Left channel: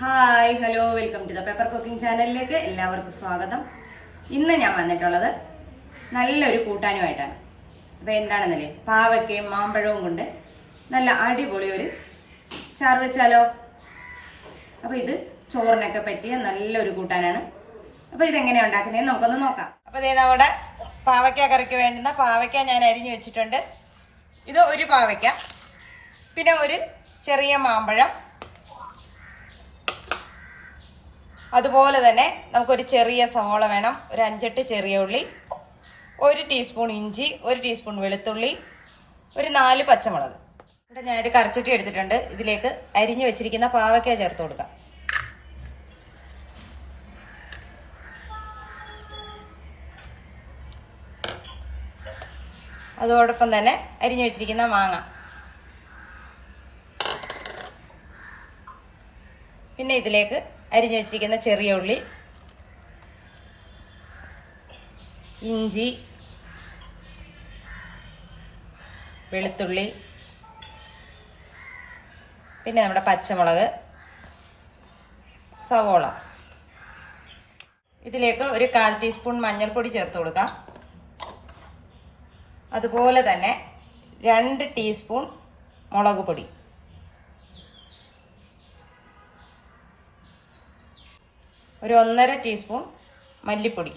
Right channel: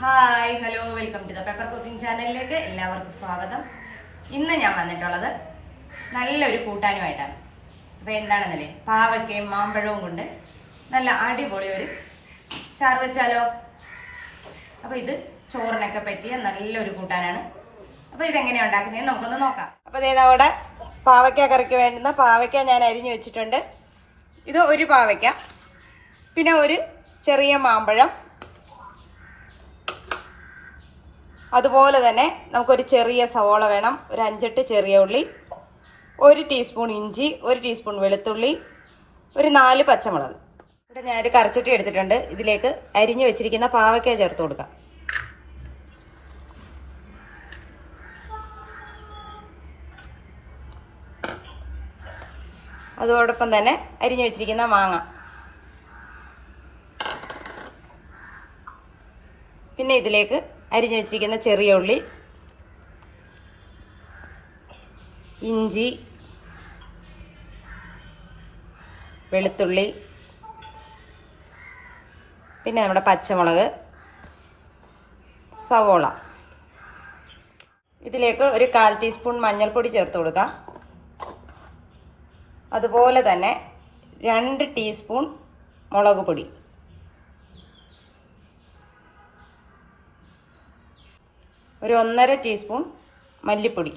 Hi hello welcome to the paper cooking ചാനലിലേക്ക് എല്ലാവർക്കും സ്വാഗതം. ഇന്ന് ഞാൻ വന്നിട്ടുള്ളത് നല്ലൊരു കൂട്ടാനുമായിട്ടാണ്. അപ്പോൾ എന്താണെന്നല്ലേ, പാവയ്ക്കയും മാമ്പഴവും കൊണ്ട് നല്ല അടിപൊളി ഒരു ചാറ് വെച്ചാലോ. അപ്പോൾ ഇത് ചോറിനൊക്കെ പറ്റിയ നല്ലൊരു കൂട്ടാനാണ്. അപ്പോൾ ഇതെങ്ങനെയാണ് ഉണ്ടാക്കുന്നതെന്ന് നമുക്കൊന്ന് നോക്കാം. അപ്പോൾ ഇതോടെ പാവയ്ക്ക കറിക്ക് വേണ്ടുന്ന പാവയ്ക്ക ഞാൻ അരിഞ്ഞു വെച്ചിട്ടുണ്ട്. ഇത് ഒരു പാവയ്ക്ക, പിന്നെ ഒരു ചെറിയ മാമ്പഴം, അതുപോലെ തന്നെ നമുക്കൊരു ചെറിയ സവോള വേണം, ഒരു 5-8 ചെറിയ ഉള്ളി, 1 ടീസ്പൂൺ ഇഞ്ചി, 1 ടീസ്പൂൺ വെളുത്തുള്ളി, ഒരു 4 പച്ചമുളക്. എന്നിട്ട് ഞാനൊരു കറിച്ചട്ടി എടുത്തിട്ടുണ്ട്. ഇതിലേക്ക് അരിഞ്ഞു വെച്ചിരിക്കുന്ന പാവയ്ക്ക ചേർത്ത് കൊടുക്കാം. അതോടൊപ്പം തന്നെ അരിഞ്ഞു വെച്ചിരിക്കുന്ന മാങ്ങ, പിന്നെ ഇതിലേക്ക് അരിഞ്ഞു വെച്ചിരിക്കുന്ന ചെറിയ ഉള്ളി, ഇഞ്ചി, വെളുത്തുള്ളി, പിന്നെ നമ്മുടെ പച്ചമുളക്, സവോള. ഇതിലേക്ക് ഒരു 1/4 ടീസ്പൂൺ മഞ്ഞൾപ്പൊടി ചേർത്ത് കൊടുക്കാം. അതുപോലെ തന്നെ 2 ടീസ്പൂൺ മുളക് പൊടി, ഒരു 1.5 ടീസ്പൂൺ മല്ലിപ്പൊടി.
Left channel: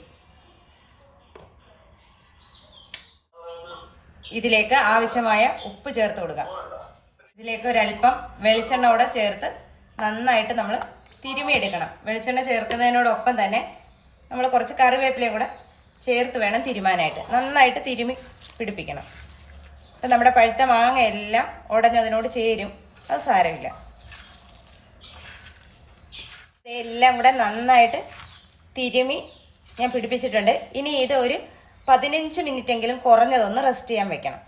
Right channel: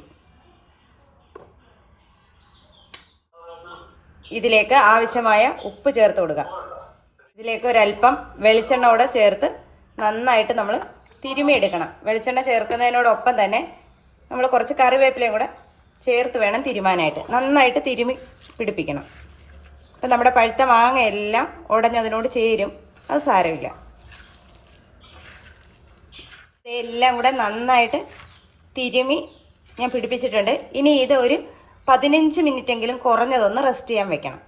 ഇതിലേക്ക് ആവശ്യമായ ഉപ്പ് ചേർത്ത് കൊടുക്കുക. ഇതിലേക്ക് ഒരല്പം വെളിച്ചെണ്ണ കൂടെ ചേർത്ത് നന്നായിട്ട് നമ്മൾ തിരുമിയെടുക്കണം. വെളിച്ചെണ്ണ ചേർക്കുന്നതിനോടൊപ്പം തന്നെ നമ്മൾ കുറച്ച് കറിവേപ്പിലയും കൂടെ ചേർത്ത് വേണം തിരുമാനായിട്ട്. നന്നായിട്ട് തിരുമി പിടിപ്പിക്കണം. അപ്പം നമ്മുടെ പഴുത്ത മാങ്ങ എല്ലാം ഉടഞ്ഞതിനോട് ചേരും, അത് സാരമില്ല. എല്ലാം കൂടെ നന്നായിട്ട് തിരുമി ഞാൻ പിടിപ്പിച്ചിട്ടുണ്ട്. ഇനി ഇത് ഒരു 15 മിനിറ്റെങ്കിലും കുറഞ്ഞതൊന്ന് റെസ്റ്റ് ചെയ്യാൻ വെക്കണം.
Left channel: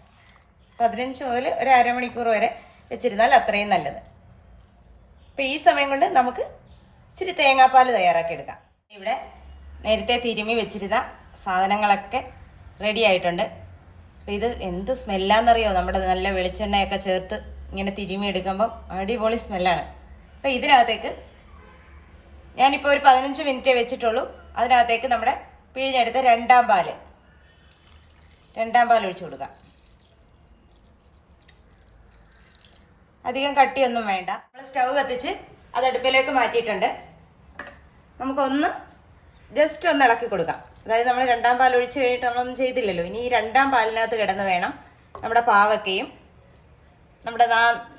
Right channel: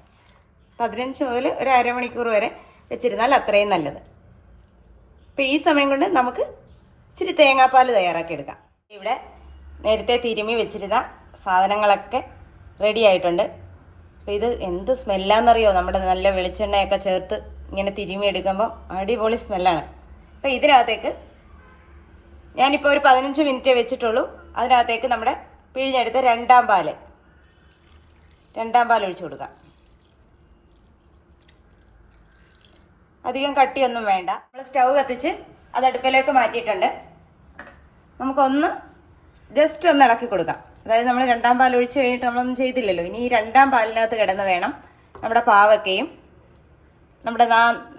15 മുതൽ ഒരു അരമണിക്കൂർ വരെ വെച്ചിരുന്നാൽ അത്രയും നല്ലത്. അപ്പം ഈ സമയം കൊണ്ട് നമുക്ക് ഇച്ചിരി തേങ്ങാപ്പാൽ തയ്യാറാക്കി എടുക്കാം. ഇവിടെ നേരത്തെ തിരുമി വെച്ചിരുന്ന സാധനങ്ങളൊക്കെ റെഡി ആയിട്ടുണ്ട്. അപ്പം ഇത് എന്ത് സ്മെല്ലാന്നറിയോ, നമ്മുടെ നല്ല വെളിച്ചെണ്ണയൊക്കെ ചേർത്ത് ഇങ്ങനെ തിരുമി എടുക്കുമ്പോൾ അടിപൊളി സ്മെല്ലാണ്. അപ്പം ഇതിനകത്തേക്ക് ഞാനിപ്പോൾ ഒരു 15 മിനിറ്റ് വെച്ചിട്ടുള്ളൂ. അതിനകത്തേക്ക് നമ്മുടെ പിഴിഞ്ഞെടുത്ത് രണ്ടാം പാൽ ഒഴിച്ചു കൊടുക്കാം. അധികം കട്ടിയൊന്നും വേണ്ട. നമ്മൾ സ്റ്റൗ കത്തിച്ച് അത് അടുപ്പിലേക്ക് മാറ്റിയിട്ടുണ്ട്. നമുക്കൊന്ന് ജസ്റ്റ് ഒന്ന് ഇളക്കി കൊടുക്കാം. അതായത് നമ്മൾ രണ്ടാം പാൽ ഒഴിച്ച് കഴിഞ്ഞിട്ട് നമ്മളൊന്നും ചെയ്തില്ലല്ലോ. ഇനി ഈ രണ്ടാം പാലിനകത്ത് കിടന്ന് വേണം നമ്മുടെ പാവയ്ക്കയും നമ്മുടെ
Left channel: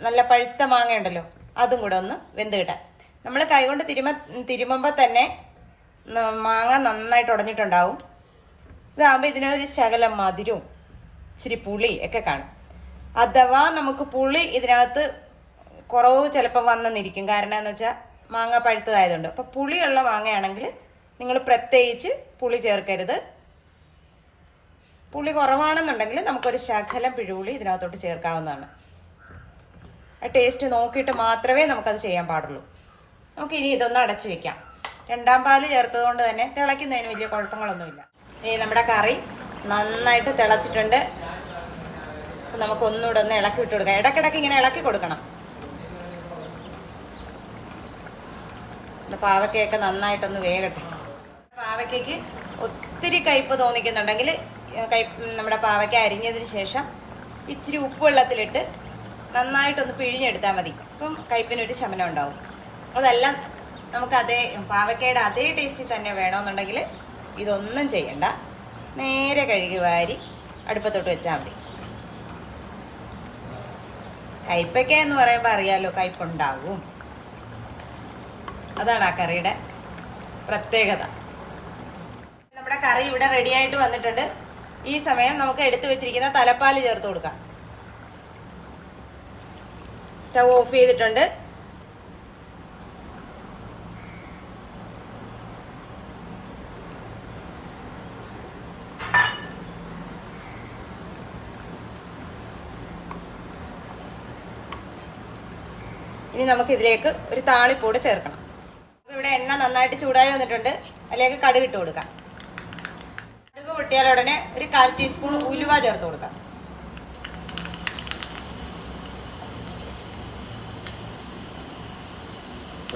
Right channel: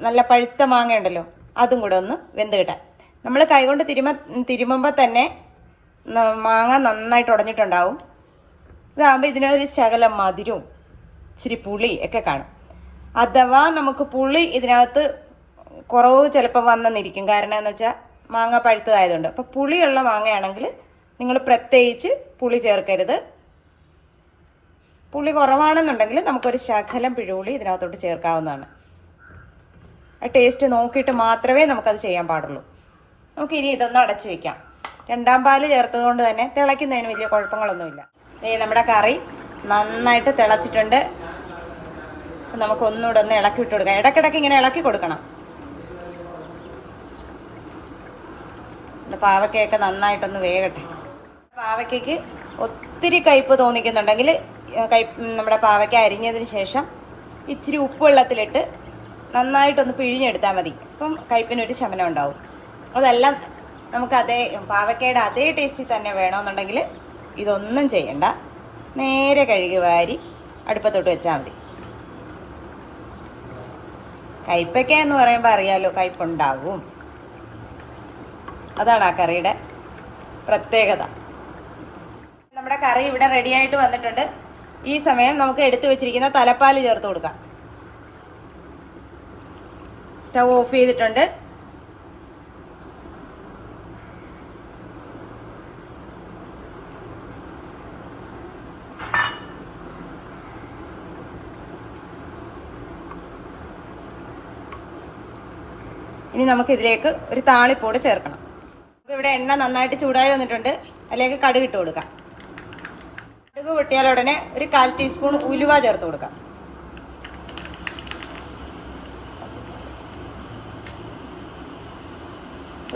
നല്ല പഴുത്ത മാങ്ങ ഉണ്ടല്ലോ അതും കൂടെ ഒന്ന് വെന്ത് കിട്ടാൻ. നമ്മൾ കൈകൊണ്ട് തിരുമുമ്പോൾ തന്നെ മാങ്ങ നന്നായിട്ട് ഉടഞ്ഞിട്ടുണ്ടാവും. ഇതാകുമ്പോൾ ഇതിനൊരു ശകലം മധുരവും ഇച്ചിരി പുളി ഒക്കെ കാണും. അഥവാ നമുക്ക് പുളി ഇതിനകത്ത് കുറവ് ചിലപ്പോൾ വന്നെന്നിരിക്കും. കാരണം എന്ന് വെച്ചാൽ മാങ്ങ പഴുത്തതായതുകൊണ്ട്. അപ്പോൾ പുളിയുള്ള മാങ്ങയാണെങ്കിൽ നിങ്ങൾ പ്രത്യേകിച്ച് പുളി ചേർക്കരുത്. പുളി കുറവാണെന്നുണ്ടെങ്കിൽ നമുക്കൊരു ശകലം പിഴുപുളി ഇതിനകത്തോട്ട് ചേർക്കാവുന്നതാണ്. ആ ടേസ്റ്റ് നോക്കിയിട്ട് മാത്രമേ നമുക്കത് ചെയ്യാൻ പാടുള്ളൂ. നമുക്ക് ഇനി ഇതൊന്ന് അടച്ചു വെക്കാം. രണ്ടാം പാല് ചേർത്തത് കൊണ്ട് തന്നെ തിളയ്ക്കുന്നതിന് വലിയ കുഴപ്പങ്ങളൊന്നുമില്ല. നമ്മുടെ കറി നന്നായിട്ട് തിളച്ചിട്ടുണ്ട്. നമുക്കൊന്നുകൂടെ ഒന്ന് ഇളക്കി ഇട്ട് കൊടുക്കാം. ഇടയ്ക്കിടയ്ക്ക് ഇങ്ങനെ ഇളക്കി കൊടുക്കണം. പാവയ്ക്കൊക്കെ നന്നായിട്ടൊന്ന് വേകട്ടെ. പാവയ്ക്ക് ഒത്തിരി കയ്പ്പ് തോന്നിക്കുന്നുണ്ടെങ്കിൽ നമ്മുടെ പാവയ്ക്ക അരിഞ്ഞതിന് ശേഷം ഇച്ചിരി ഉപ്പ് വെള്ളത്തിലിട്ട് നന്നായിട്ടൊന്ന് പിഴിഞ്ഞെടുത്താൽ മതി. അപ്പം കയ്പ്പിനൊരു ശമനം ഉണ്ടാവും. അതെല്ലാം നമുക്ക് പാവയ്ക്കയുടെ അതേ ടേസ്റ്റിൽ തന്നെ വേണമെന്നുണ്ടെങ്കിൽ ഇതൊന്നും ചെയ്യണ്ട. നേരെ കഴുകി വാരി അടുപ്പത്തോട്ട് വെച്ചാൽ മതി. കയ്പ്പയ്ക്ക എന്ന് പറയുമ്പോൾ അറിയാലോ, കയ്പ്പുണ്ടാവും. അതാണ് ആ കറിയുടെ പ്രത്യേകത. നമ്മുടെ കറി ഇവിടെ റെഡി ആയിട്ട് വന്നിട്ടുണ്ട്. ഈ സമയം നമുക്ക് എടുത്തു വെച്ചിരിക്കുന്ന തലപ്പാൽ ചേർത്ത് കൊടുക്കാം. സ്റ്റൗ ഓഫ് ചെയ്തിട്ടുണ്ട്. ഇനി നമുക്ക് ഇതിലേക്ക് ഒരു താളിപ്പൂട് ചേർക്കണം. ഇവിടെ എണ്ണ നന്നായിട്ട് ചൂടായി വന്നിട്ടുണ്ട്. അതിലേക്ക് കടുക് ഇട്ട് കൊടുക്കാം. കടുക് പൊട്ടിയാൽ ഉടനെ ഒരു 1/4 ടീസ്പൂൺ ഉലുവ ചേർത്ത് കൊടുക്കാം.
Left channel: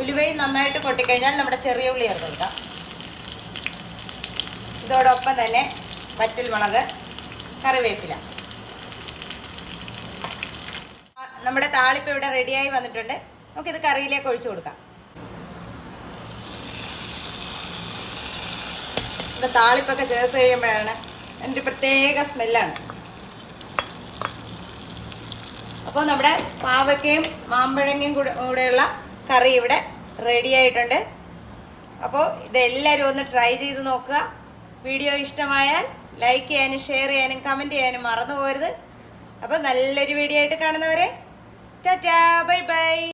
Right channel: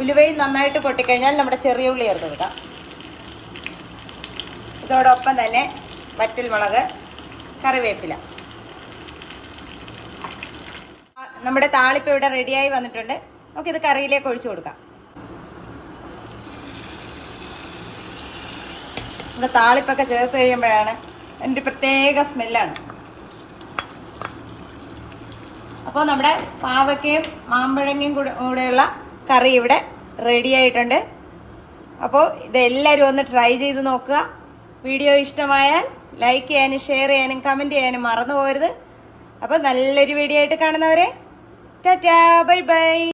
ഉലുവയും നന്നായിട്ട് പൊട്ടിക്കഴിഞ്ഞാൽ നമ്മുടെ ചെറിയ ഉള്ളി ചേർത്ത് കൊടുക്കാം. ഇതോടൊപ്പം തന്നെ വറ്റൽമുളക്, കറിവേപ്പില. നമ്മുടെ താളിപ്പ് ഇവിടെ റെഡിയായി വന്നിട്ടുണ്ട്. നമുക്കിത് കറിയിലേക്ക് ഒഴിച്ചു കൊടുക്കാം. താളിപ്പൊക്കെ ചേർത്ത് കഴിയുമ്പോഴാണ് എൻ്റെ പ്രത്യേക സ്മെല്ലാണ്. അപ്പോൾ നമ്മുടെ പാവയ്ക്കയും മാമ്പഴങ്ങയും കൂടെയുള്ള കറി ഇവിടെ റെഡി ആയിട്ടുണ്ട്. അപ്പോൾ ഇതെല്ലാവരും ഒന്ന് ട്രൈ ചെയ്ത് നോക്കുക. വീഡിയോ ഇഷ്ടമായാൽ ലൈക്ക് ചെയ്യാനും ഷെയർ ചെയ്യാനും കമൻറ്റ് ചെയ്യാനും മറന്നു പോകരുത്. അപ്പോൾ നല്ലൊരു വീഡിയോ ആയിട്ട് കാണുന്നവരെ ടാറ്റാ, ബൈ ബൈ.